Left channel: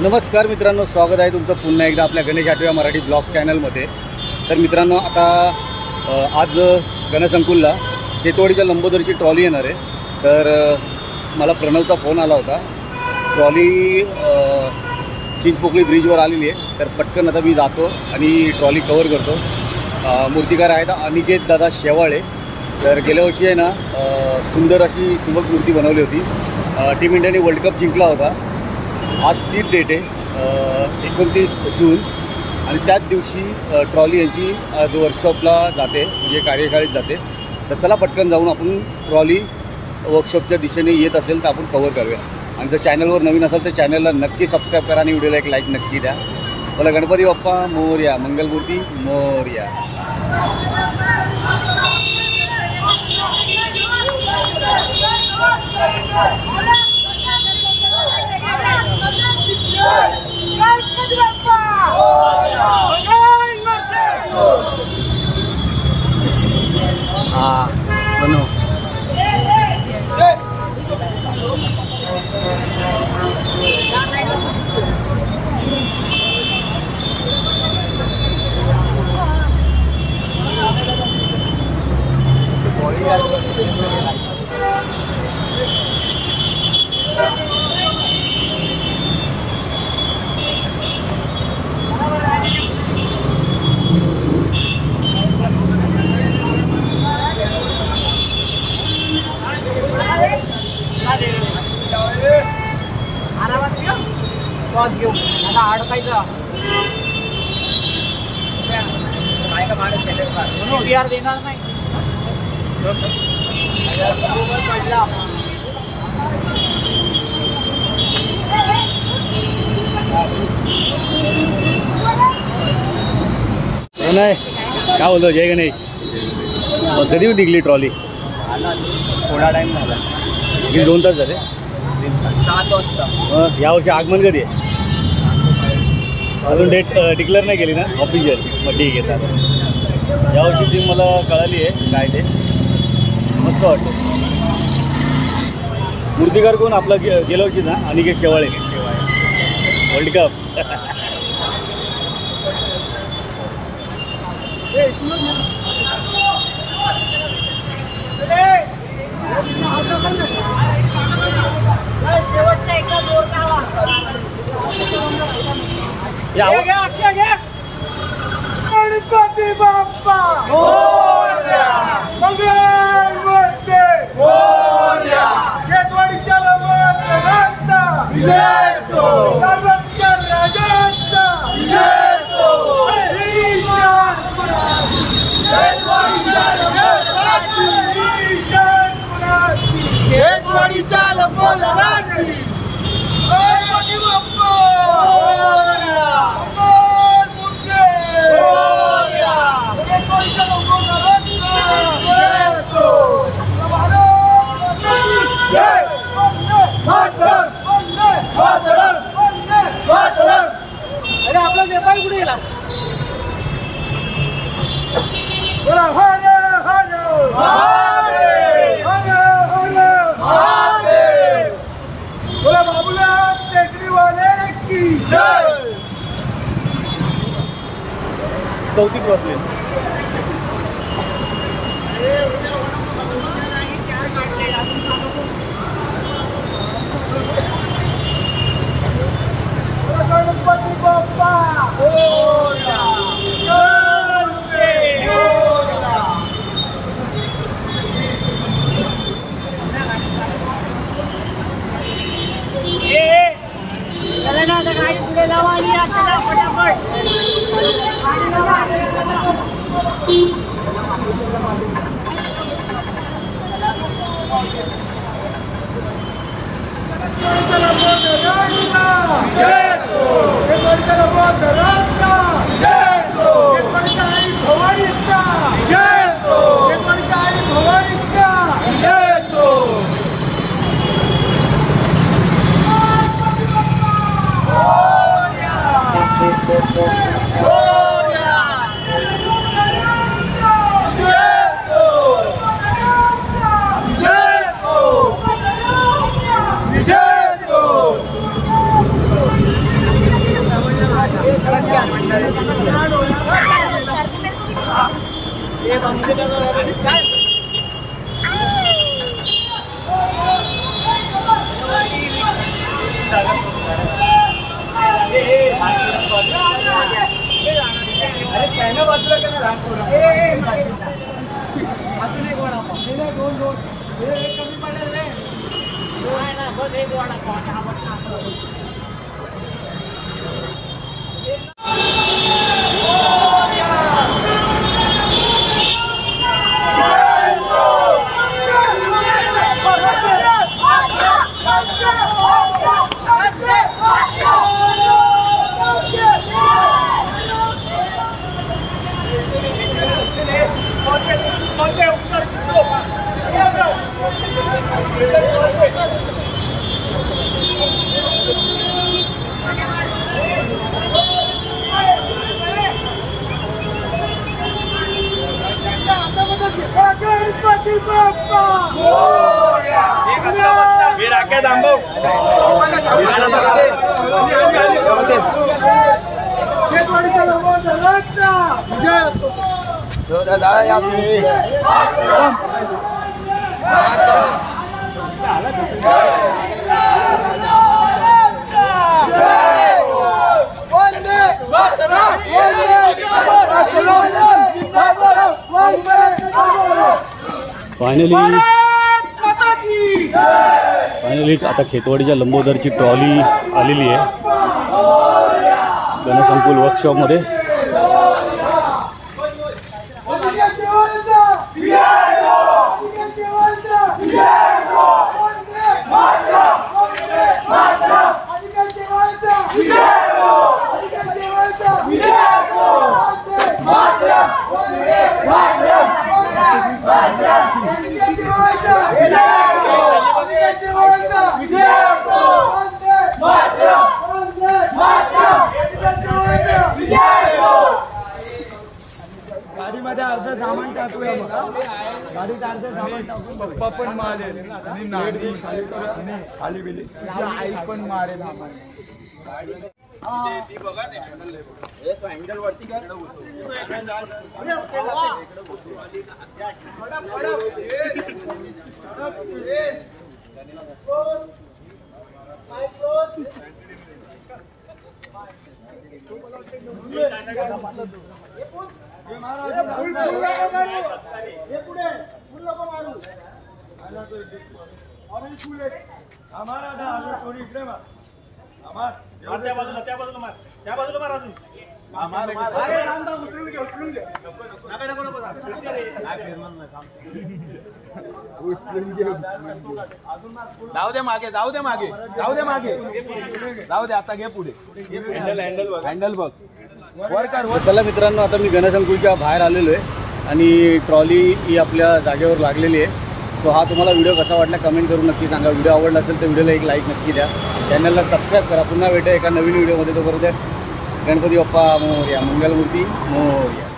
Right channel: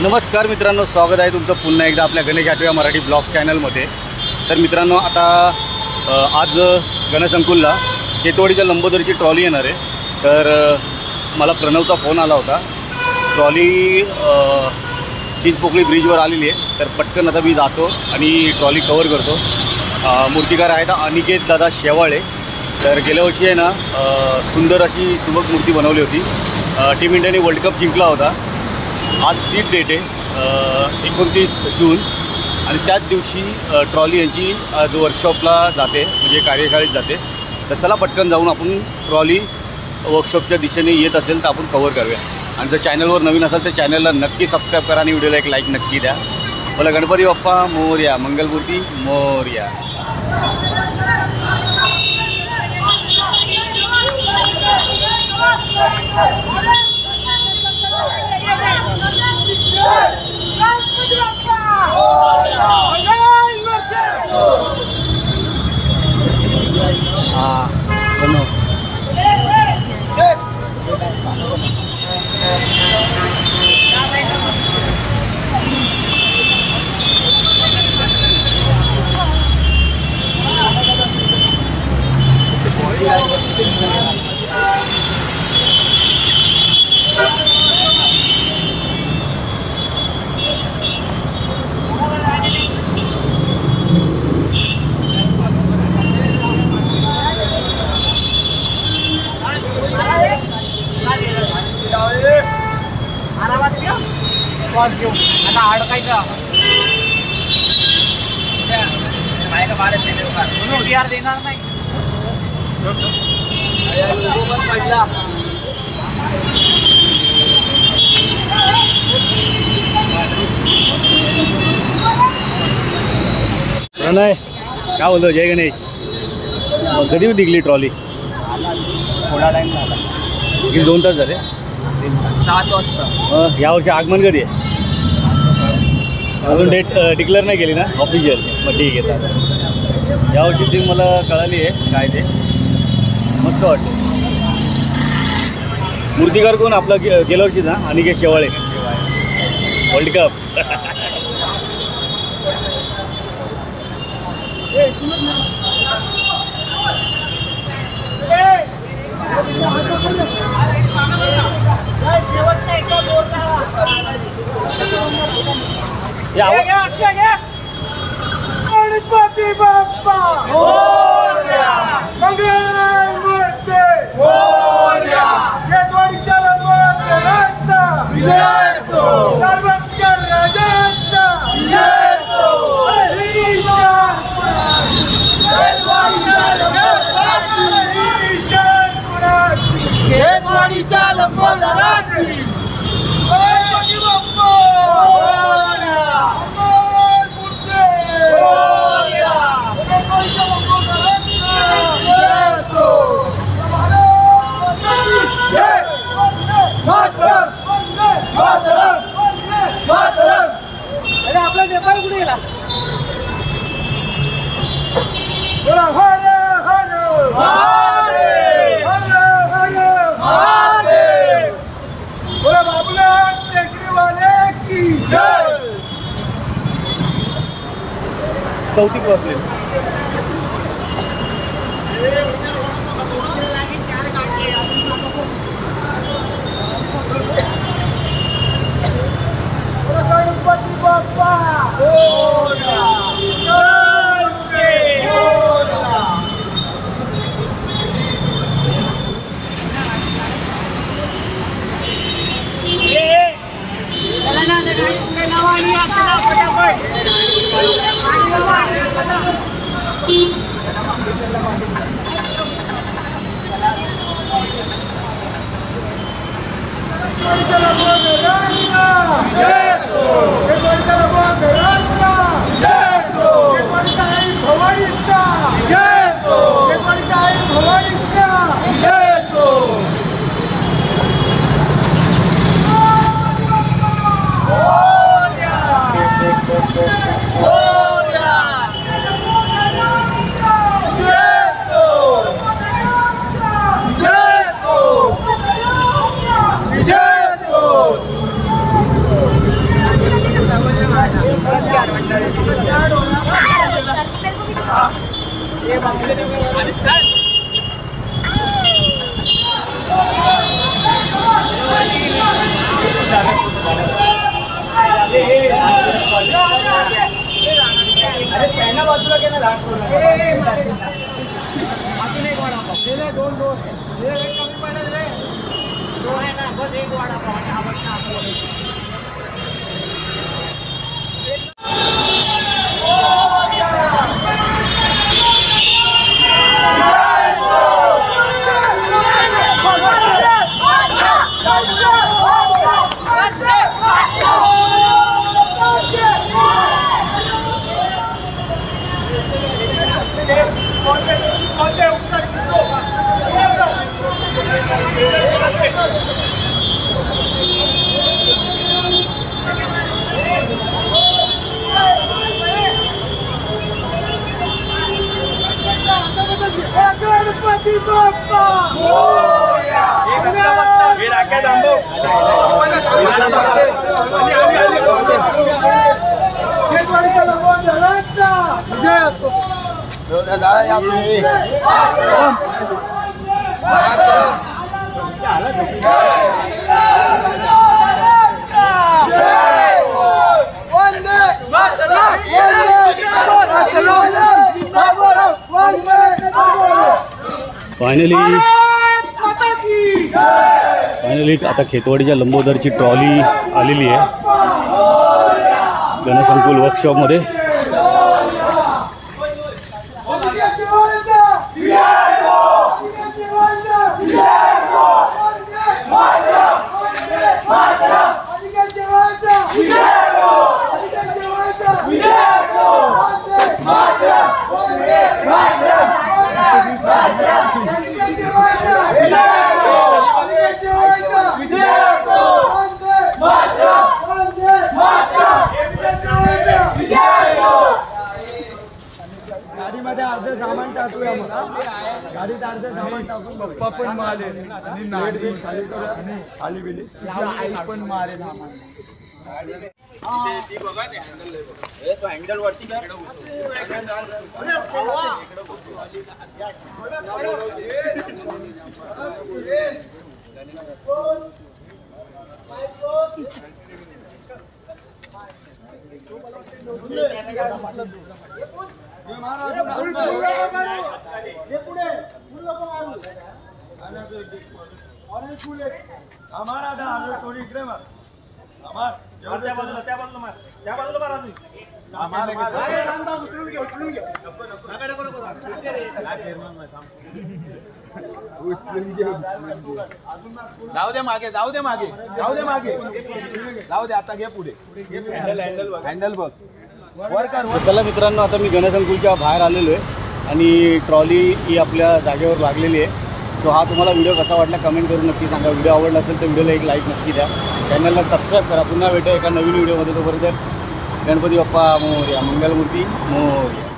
नमस्कार मित्रांनो, स्वागत आहे तुमचं पुन्हा एकदा आपल्या गणेश आठव्या मराठी ब्लॉग चॅनलमध्ये। तर मित्रांनो, आता आज गणसंकुलला केतवाडीच्या लंबोदरची ट्रॉली येणार आहे। तर मला प्रणवचा फोन आला होता, ट्रॉली चिंचपोकळी ब्रिजवर आलेली आहे। तर पटकन आता मी जातो आणि ट्रॉली कवर करतो। मूर्तिकार आहेत अनिकेत दादा शेवाळे। तर गेल्या वर्षी आहे ना सुंदर अशी सुबक मूर्ती बनवली होती। टीम इंडियाने वर्ल्ड कप जिंकला होता। आज तीच डेट आहे 29 जून आणि त्याच दिवशी ट्रॉली यांची वर्कशॉपला जाते, म्हणजे कार्यशाळेत जाते। तर चला पटकन जाऊन आपण ट्रॉली वर्कशॉपच्या दिशेने येत असेल तर आपण कवर करूया। आणि जर चॅनलवर नवीन असेल तर चॅनलला नक्की सबस्क्राईब करा आणि व्हिडिओला एक लाईक नक्की द्या। बोला गणपती बाप्पा मोरया, मंगलमूर्ती मोरया। बनव नाही काय बोलतो जय गणेश। कधी निघली ट्रॉली? थोडा टाइम झाला, किती 2 तास झाले? 7 वाजता। यावर्षी आगमन कधी आहे? अजून डेट डिक्लेअर नाही केली ना ऑफिशियल? मग ठीक आहे चालेल। यावर्षी ती मला कळाली आहे काय ते, मस्त वाटते। मूर्तिकार कोण आपला गेल्या वर्षी ना अनिकेत शेवाळे, वर्ल्ड कप। गणपती बाप्पा मोरया, मंगलमूर्ती मोरया, केतवाडीच्या लंबोदराचा विजय असो, सर्वज्ञ राजाचा विजय असो। केतवाडीच्या लंबोदराची आपला नेपाळ कुठे गेला? बोला हर हर महादेव, हर हर महादेव। बोला बाबूलाल टेकडीवाले की जय। चौथीत बसले। गणपती बाप्पा मोरया, गणपती मोरया। चला ना आता गाडी पुढे लावा आणि आपल्याला पटापट गणपती बाप्पा खेतवाडीचा लंबोदराचा विजय असो. फायनली आता खेतवाडीच्या लंबोदरची ट्रॉली आलेली आहे गणसंकुल वर्कशॉपमध्ये. गाडीमध्ये अर्ध सामान टाकूया. गाडीत अर्ध सामान टाकून पप्पा पण मारेल आणि नाडी खाली करूया. खाली गेली आई पण मारेल सामान. हँडल वरती कर. जाऊ दे मागे जाऊ दे मागे जाऊ दे मागे जाऊ दे. आता घे पुढे हँडल बघ वर कर. चला मित्रांनो, आता मी गणसंकुलच्या बाहेर आलेलो आहे आणि ट्रॉली ही आपल्या जागेवर लागलेली आहे. सो हा तुम्हाला व्हिडिओ कसा वाटला कमेंट करून नक्की सांगा. व्हिडिओ आवडला असेल तर व्हिडिओला एक लाईक नक्की द्या. चॅनलला सबस्क्राईब करा. पुन्हा भेटा एका नवीन व्हिडिओमध्ये. तोपर्यंत गणपती बाप्पा मोरया, मंगलमूर्ती मोरया.